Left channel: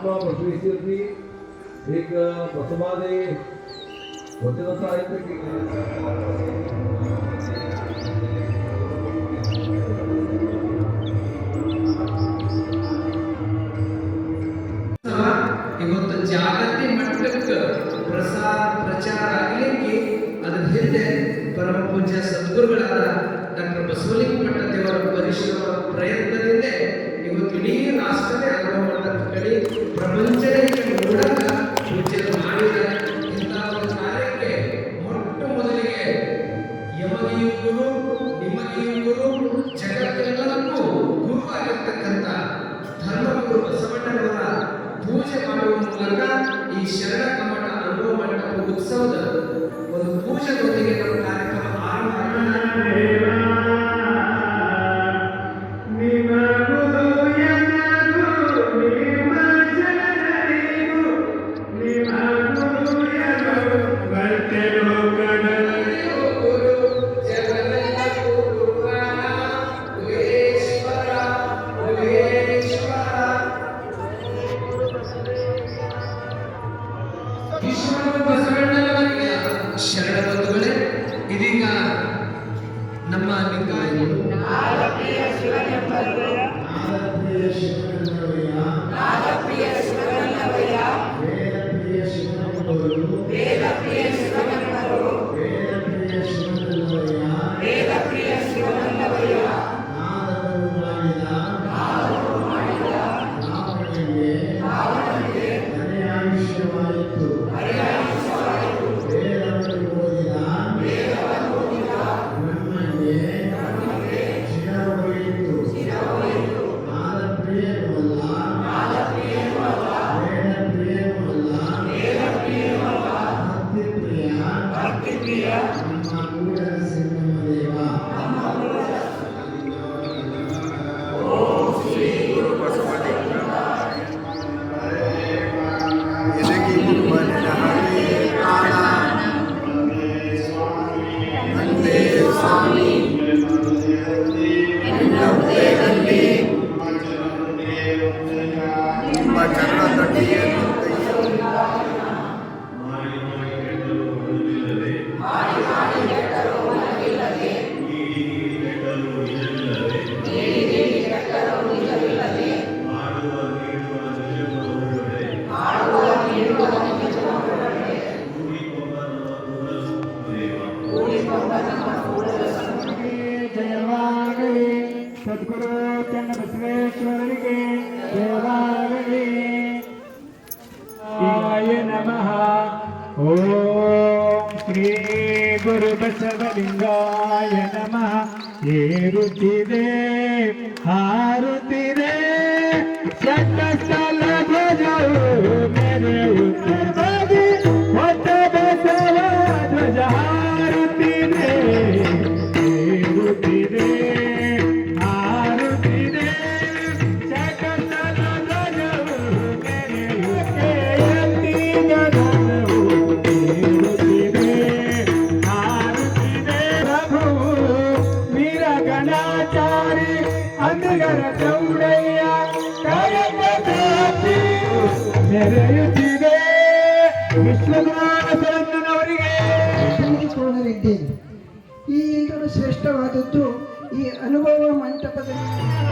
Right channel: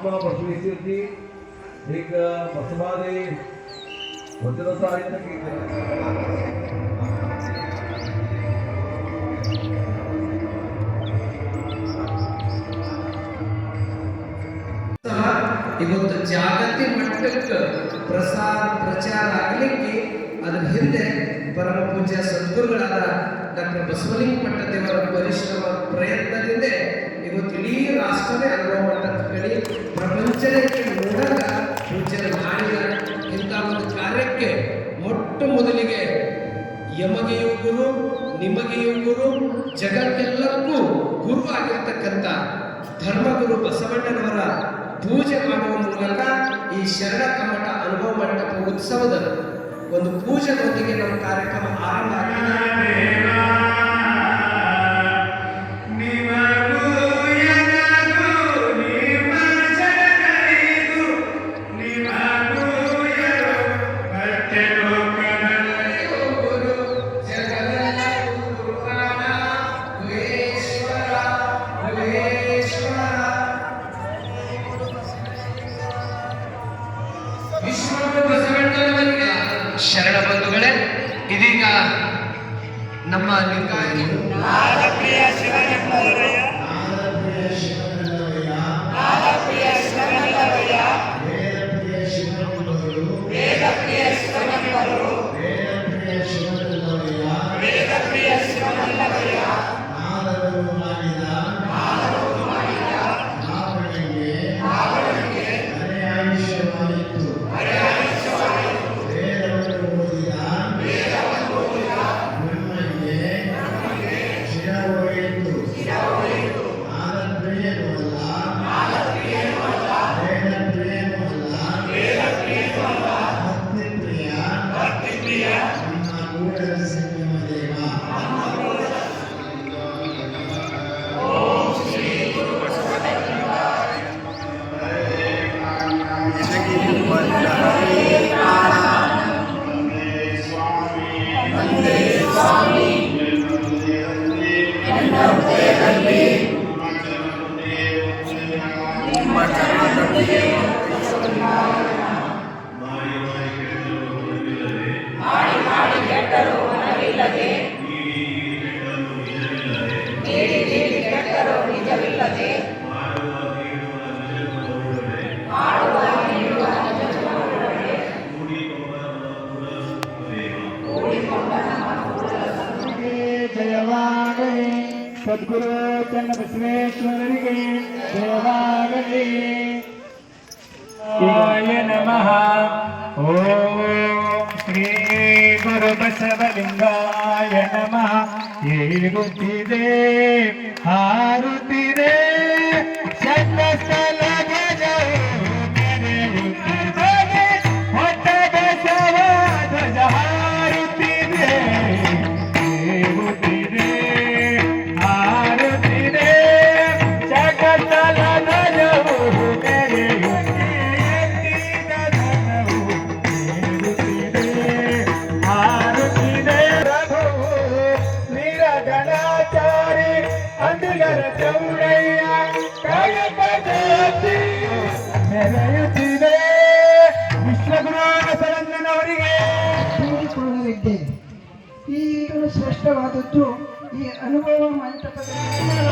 महात्मा बसवेश्वरजी एक बसवादी वचनसाहित्य केलेले ಇವತ್ತು ಜಾಗತಿಕ ಮಟ್ಟಕ್ಕೆ ಪ್ರಚಾರ ಆಗಲಿಕ್ಕೆ ಅದರ ಹಿಂದೆ ಪರಮ ಪೂಜ್ಯ ಸದ್ಗುರುಗಳಾದ ಡಾಕ್ಟರ್ ಬಸವಲಿಂಗ ಪಟ್ಟದೇವರ ಪರಿಶ್ರಮ ಪ್ರಯತ್ನದಿಂದ ಇವತ್ತು ಇಡೀ ರಾಷ್ಟ್ರವೇ ಅನುಭವ ಮಟ್ಟದಲ್ಲಿ ಪ್ರಪಂಚದ ಮೂಲಕ ಪೂಜ್ಯರು ಮಾಡಿದ ಇಂಥ ಒಂದು ಕಾರ್ಯಕ್ಕೆ ಮೊಟ್ಟ ಮೊದಲಿಗೆ ಯಮಗೆಯೂ ಗುರು ನಿಮಗೆಯೂ ಗುರು ಜಗತ್ತೆಲ್ಲರಿಗೂ ಗುರು ಆಗಿರ್ತಕ್ಕಂಥ ಧರ್ಮಗುರು ಬಸವಣ್ಣನವರ ಪೂಜೆ ಮಾಡುವ ಮೂಲಕ ಈ ಶರಣ ಕಮ್ಮಟ ಅನುಭವ ಮಂಟಪ ಉತ್ಸವದ ಒಂದು ಪೂಜೆಯೊಂದಿಗೆ ನಮ್ಮ ಕಾರ್ಯಕ್ರಮ ಆರಂಭ ಶರಣ ಬಂಧುಗಳೇ, ಇದೀಗ ನಮ್ಮ सद्गुरु चंद्र बसवेश्वरರಿಗೆ ದೇವಾಗಲಿ ಆಯ ನಮಃ ಓಂ ಶ್ರೀ ಗುರು ಬಸವಲಿಂಗಾಯ ನಮಃ ಏರುತ್ತಿದೆ ಹಾರುತ್ತಿದೆ ಚಂದ್ರಸ್ಥಲ ಧ್ವಜವು ಮೆರೆಯುತ್ತಿದೆ ಹೊತ್ತ ಬಸವ ಧ್ವಜ ಹಾರುತ್ತಿದೆ ಈ ಶ್ರೇಷ್ಠವಾದದ್ದು ಈ ಅನುಭವ ಮಂಟಪದಲ್ಲಿ